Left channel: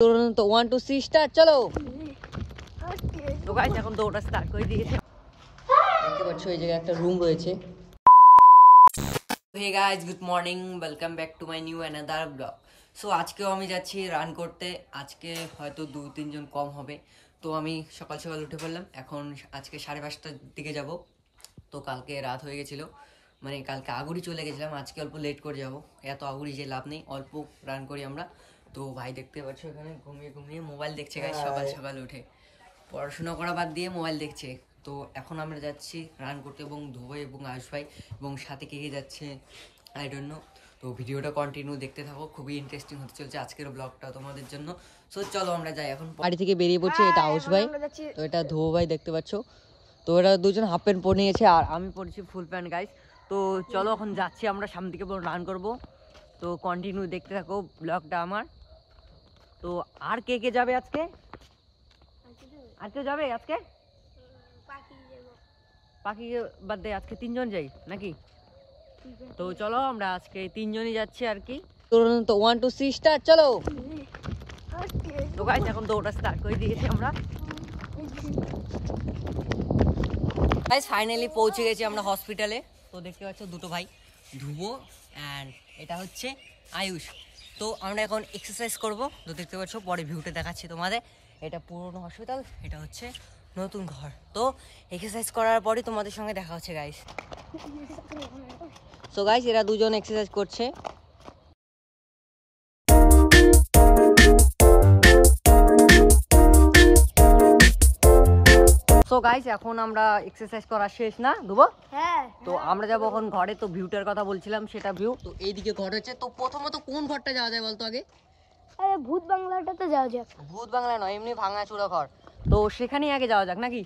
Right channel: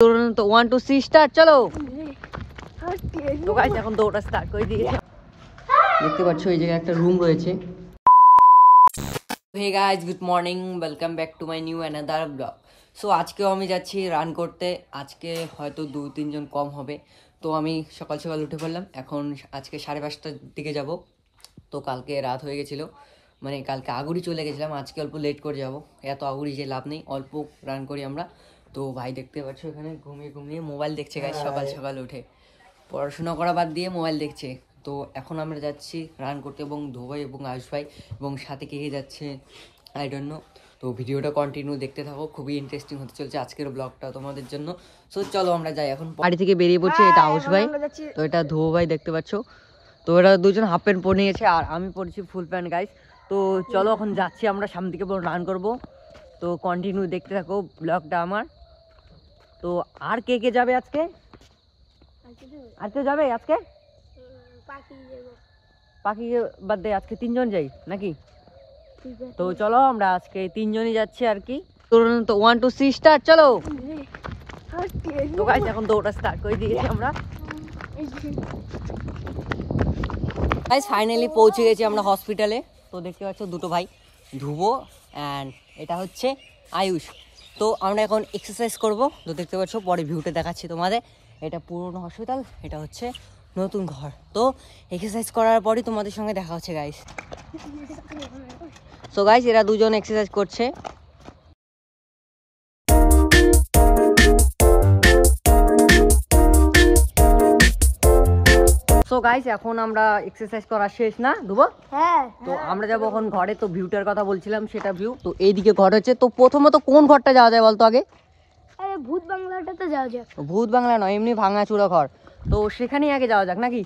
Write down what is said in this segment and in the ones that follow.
তো 1 2 3 স্টার্ট চলো। তো গাইস এখন দৌড়া স্টার্ট করে দিয়েছে। দেখতে পাচ্ছ এই জায়গায় একটা রুম রয়েছে। Hey guys, good morning, welcome back to my new another blog. So আজকেও আমি যাচ্ছি রান করতে। আজকে হয়তো 2-3 জন কম হবে। তো আমি সকাল সকাল উঠে পড়লাম। এখন আজকে 5:30টার দিকে যাব। তো কালকে রাত হয়ে গেছিলো, মানে কালকে আগুরি চলে গেছিলাম। আজকে অল্প লেট করে যাব। এত আগুরি যে লাভ নেই, অল্প রান করি আমরা। তো ভাই দেখতে পাচ্ছ এখানে ঘুমিয়ে ঘুমিয়ে মোবাইল দেখছে গাইস। সকাল সকাল উঠে পড়াশোনা করা বাদ দিয়ে মোবাইল দেখছে। তো এখন আমরা যাচ্ছি রান করতে, এবং ধোবাই এবং আয়ুষ ভাই এবং সাথে কে কে যাচ্ছে আই ডোন্ট নো। তো ভিডিওটা কন্টিনিউ দেখতে থাকো, খুবই ইন্টারেস্টিং হতে চলছে আজকের ব্লগটা তোমাদের জন্য। সো চলো আমরা যাই এখন। বাড়ি থেকে বেরিয়ে পড়ছে। এটা আয়ুষ ভাই, তো এটা ধোবা ভাই দেখতে পাচ্ছ। তো এরা দুজন হাফ প্যান্ট পরে নিয়েছে আর আমি পরেছি ফুল প্যান্ট গাইস। তো চলো এখন যাচ্ছি আমরা সামনে দিকে রান করব। তো কন্টিনিউ দেখতে থাকো ব্লগটা আমার। তো আর কে কে যাবে আজকে? আর কেউ যাবে আজকে? পাখি বাদ দিয়ে আজকে 3 জন যাই নাকি? তো চলো আমরা আজকে 3 জনই যাচ্ছি আর কি। তো 1 2 3 স্টার্ট চলো। তো গাইস এখন দৌড়া স্টার্ট করে দিয়েছি আমরা। গাইস ফাইনালি পৌঁছে গেছি আমরা হসপিটালে। তো দেখতে পাচ্ছ দুটো ভাই, ধ্রুব অ্যান্ড এটা হচ্ছে আয়ুষ। তো আমরা এখন এক্সারসাইজ করব। তো দেখতে পাচ্ছ পরে ভিউটা দেখাচ্ছি তোমাদের। এটা পুরনো হসপিটাল, এটা হচ্ছে নতুন ঘর। তো এক্সারসাইজ করার পরই তোমাদের সঙ্গে দেখা হচ্ছে গাইস। সো গাইস এরা দুজন এক্সারসাইজ করছে। সো গাইস এখন আমরা এক্সারসাইজ করা শেষ না ধুবো? হ্যাঁ। তো আমরা যাবো এখন ঘরে। তো ভিউটার কথা বলছিলাম, সেটা ভিউ। তো এইদিকে ঘর হচ্ছে। তো প্রথমত কোন ঘরটা যাওয়া যায় বলতো আগে? ভূত বাংলাটাতে যাওয়া যাক। ভূত বাংলা নয়, এমনি ভাঙাচুরা ঘর। তো সেখানেই আগে যাওয়া যাক নাকি?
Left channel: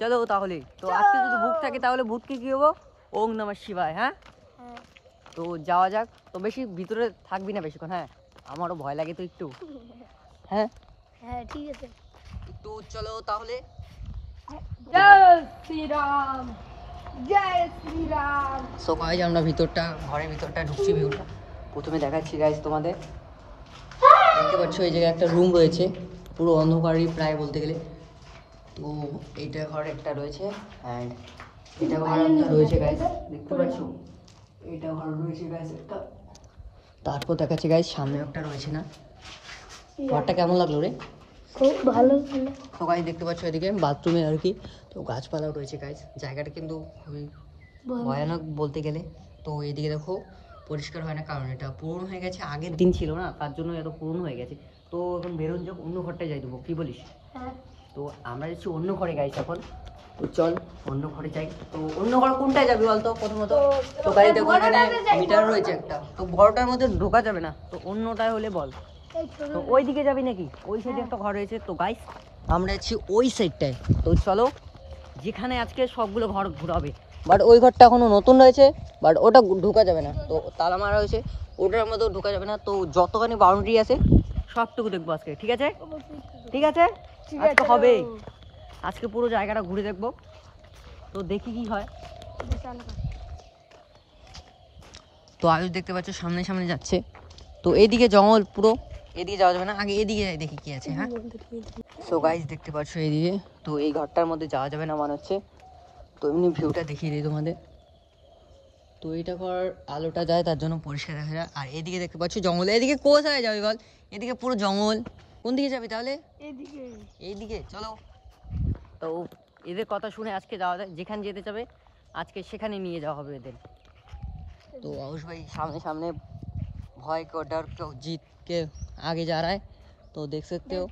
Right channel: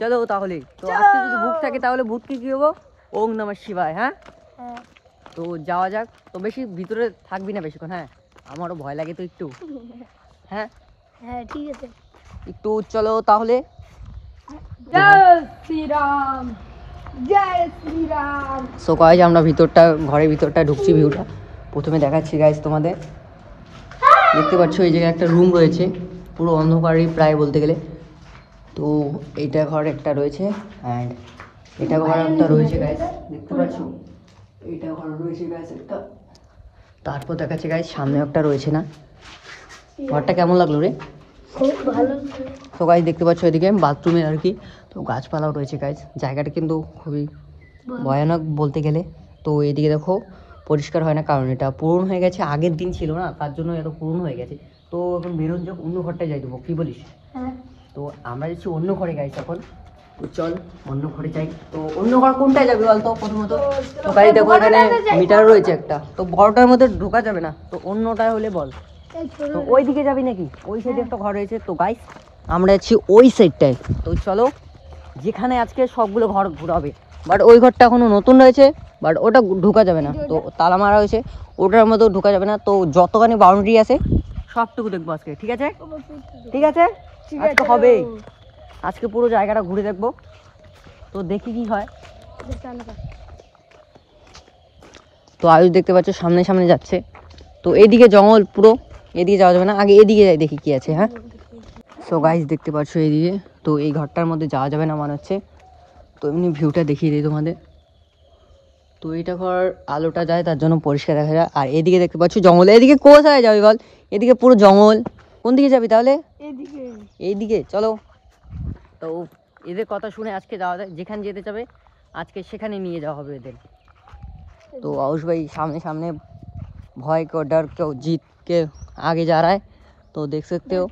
চলো তাহলে। তো আজকে যদি ভূত থাকে তাহলে ভূতকে কি হবো? ওম নমঃ শিবায়। হ্যাঁ, তো যাওয়া যাক। তো বেশি ভিতরে থাকবি না বেশিক্ষণ। হ্যাঁ, আমারও ভয় লাগে তো একটু। হ্যাঁ হ্যাঁ ঠিক আছে। একটু চলো তাহলে। জয় শ্রীরাম, জয় শ্রীরাম। সো গাইস আমরা ঘরের ভিতরটা ঢুকছি। ভিউটা প্রথমে দেখাচ্ছি গাইস তোমাদের। দেখতে পাচ্ছ এই জায়গায় একটা রুম রয়েছে, পুরো অন্ধকারই প্রায় বলতে গেলে। তো এইটা ঘর একটা রয়েছে, অ্যান্ড এটা ঘর একটা রয়েছে গাইস। দেখতে পাচ্ছ এইটা ঘর রয়েছে গাইস একটা। তারপর দেখাচ্ছে গাইস সামনে একটা রয়েছে না। ঘরটা কেমন লাগলো রে? খুব ভালো। তো গাইস দেখতে পাচ্ছ এদিকে বাথরুমে আর কি। তো গাছপালাও রয়েছে গাইস। জায়গাটা কিন্তু খুবই ভয়ানক বলতে গেলে। তো এদিকে দেখো পরিষ্কার হয় না, কারণ এটা পুরনো হয়ে গেছে। আগের দিন ছিল না, তার জন্য এত পুরনো হয়ে গেছে। তো এখন বেরোন যাক, অন্য ঘরটায় যাই দেবো, কি বলিস? তো আমরা যাচ্ছি অন্য ঘরে গাইস এখন। তো চল অন্য ঘরে যাই। তো অন্য ঘর কোনটায় যাবি বলতো প্রথমত? তো গাড়ি দেখো এখানে মিটার রয়েছে একটা। তো ঘরটার মধ্যে ঢোকা যাবে না, তো অন্যটায় হলে বল। তো ওই দিকে যাবি নাকি? ওই সাইডে একটা ঘর রয়েছে। তো গাইস আমরা যাচ্ছি ওই সাইডটায়। তো চলো, যেখানে আজকে সবগুলো ঘর ঘোরাবে। বাট ওই ঘরটা এখনো নতুন রয়েছে, বাট ওটা ঢোকা যাবে না। তো তালা মারা হয়েছে, ওটার মধ্যেও ঢোকা যাবে না। তো যতখানি বাউন্ডারি আছে সবটুকু দেখবো আজকে, ঠিক আছে? ঠিক আছে, আজকে হবে। আজকে পুরো জায়গাটা ঘুরে দেখবো। তো দেখি কি হয়। তো আয়ুষ দেখতে পাচ্ছ সামনে সামনে যাচ্ছে। তো এইদিকে জঙ্গল পুরো, এদিকে যাওয়া যাবে না। আগে এদিকে যাই, দেখি কি আছে। হ্যাঁ, সো গাইস দেখতে পাচ্ছ এইদিকে। তো এই ঘরটার মধ্যে যাওয়া যাবে না মনে হচ্ছে। তো এমনি ভিউটা দেখিয়ে দিই তোমাদের। তো এইটা ঘর আলোটা যায়, তার জন্য পরিষ্কার দেখা যায়। আর এদিকে দেখতে পাচ্ছ জঙ্গল। এদিকে কোথায় যাবি বল? এদিকে পুরো জঙ্গল। কোন দিকে যাবি তাহলে? এইদিকে। এইদিকে চলো। তো এদের কথা শুনে আজকে যাওয়া যায়, যেখানে যেতে যাবে আজকে সেখানে নিয়ে যাওয়া হবে এদের। तो आयुष भाई सामने सामने भय को डर को जीत के आगे जा रहा है। तो देख सकते हो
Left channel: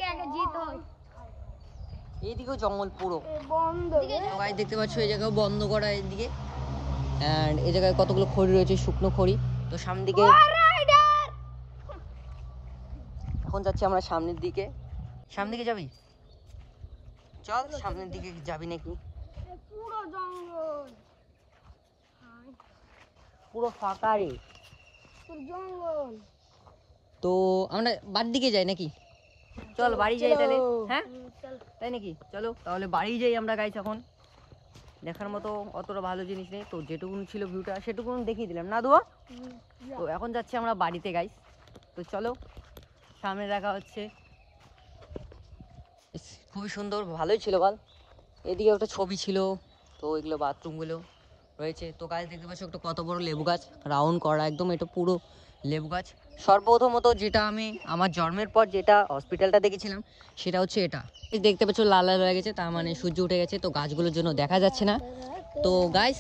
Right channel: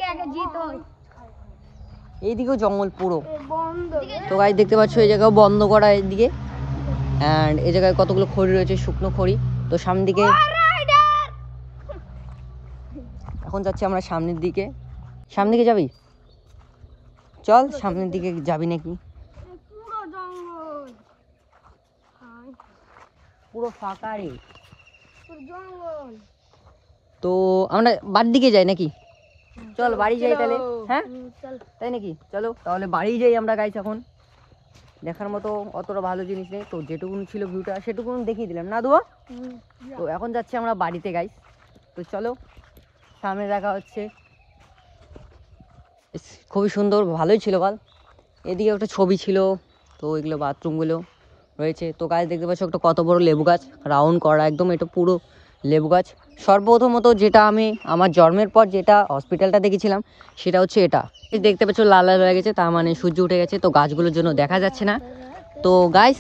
এইদিকেও জঙ্গল পুরো। তো গাইস দেখতে পাচ্ছ এই জায়গাও বন্ধ করা এইদিকে, অ্যান্ড এই জায়গায় কতগুলো খড়ি রয়েছে, শুকনো খড়ি। তো সামনের দিকে এখন যাচ্ছি আমরা সামনের দিকে। সামনের দিকে যাবি? চল সামনের দিকে যাবি নাকি? পুরো জঙ্গল, পুরো ফাঁকা রে জঙ্গল। তো আমরা বাড়ির দিকে যাই নাকি? চল বাড়ি যাই তাহলে। হ্যাঁ তাই নাকি? চলো তাহলে বাড়ি যাই আমরা গাইস। এখন দেখার মতো অতটা ভালো জিনিস নেই, তো যেটুকুন ছিল ভিউটা সেটুকুন দেখিয়ে দিলাম না দুয়া। তো এখন যাচ্ছি আমরা বাড়িতে গাইস। তো চলো সামনে দেখা হচ্ছে। খুবই সুন্দর, ভালোই ছিল বল। এদিকে একটা ছবি ছিল, তো এগুলো বাথরুমগুলো রয়েছে। তো গাছ দেখতে পাচ্ছ একটা কত বড় লেবু গাছ, রাউন্ড করা একদম, এটা পুরো লেবু গাছ। সর্বপ্রথমত যেটা আমি আমার জন্মের পর যেটা হসপিটালটা দেখেছিলাম সেটা হচ্ছে এটা। দেখতে পাচ্ছ লাল লাল হয়ে গেছে, তার মানে সূর্য উঠে গেছে, তো গাছগুলোর জন্য দেখা যাচ্ছে না। তো গাইস,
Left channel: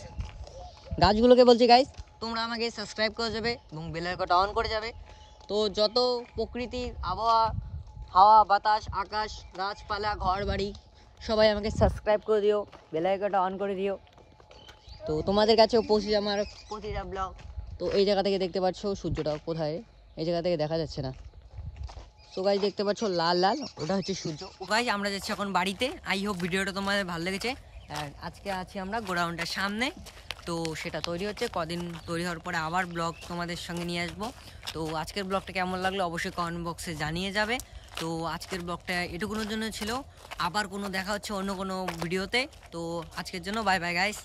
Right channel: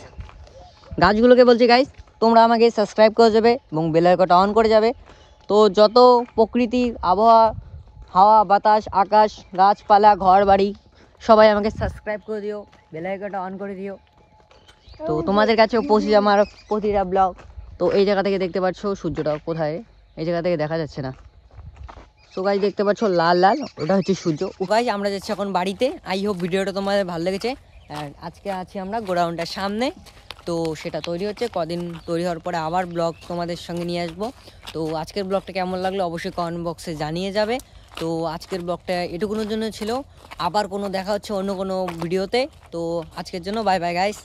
গাছগুলোকে বলছি গাইস, তোমরা আমাকে সাবস্ক্রাইব করে যাবে এবং বেল আইকনটা অন করে যাবে। তো যত প্রকৃতির আবহাওয়া, হাওয়া বাতাস, আকাশ, গাছপালা, ঘর বাড়ি, সবাই আমাকে সাবস্ক্রাইব করে দিও, বেল আইকনটা অন করে দিও। তো তোমাদের কাছেও পৌঁছে যায় আমার প্রতিটা ব্লগ। তো এই জায়গা থেকে দেখতে পাচ্ছ সূর্যটা কোথায়, এই জায়গা থেকে দেখা যাচ্ছে না। তো গাইস দেখতে পাচ্ছ লাল লাল, ওটা হচ্ছে সূর্য। গাইস আমরা যাচ্ছি এখন বাড়িতে। আই হোপ ভিডিওটা তোমাদের ভালো লেগেছে। আর আজকে আছি আমরা গোডাউনটার সামনে, তো সেটা তৈরি হচ্ছে। কদিন তৈরি হওয়ার পরে আবার ব্লগ তোমাদের সঙ্গে নিয়ে আসবো। তো আজকের ব্লগটা কেমন লাগলো অবশ্যই কমেন্ট বক্সে জানিয়ে যাবে। তো আজকের ব্লগটা এটুকুনোর জন্য ছিল, আবার কোনো দেখা হচ্ছে অন্য কোনো ভিডিওতে। তো আজকের জন্য বাই বাই গাইস।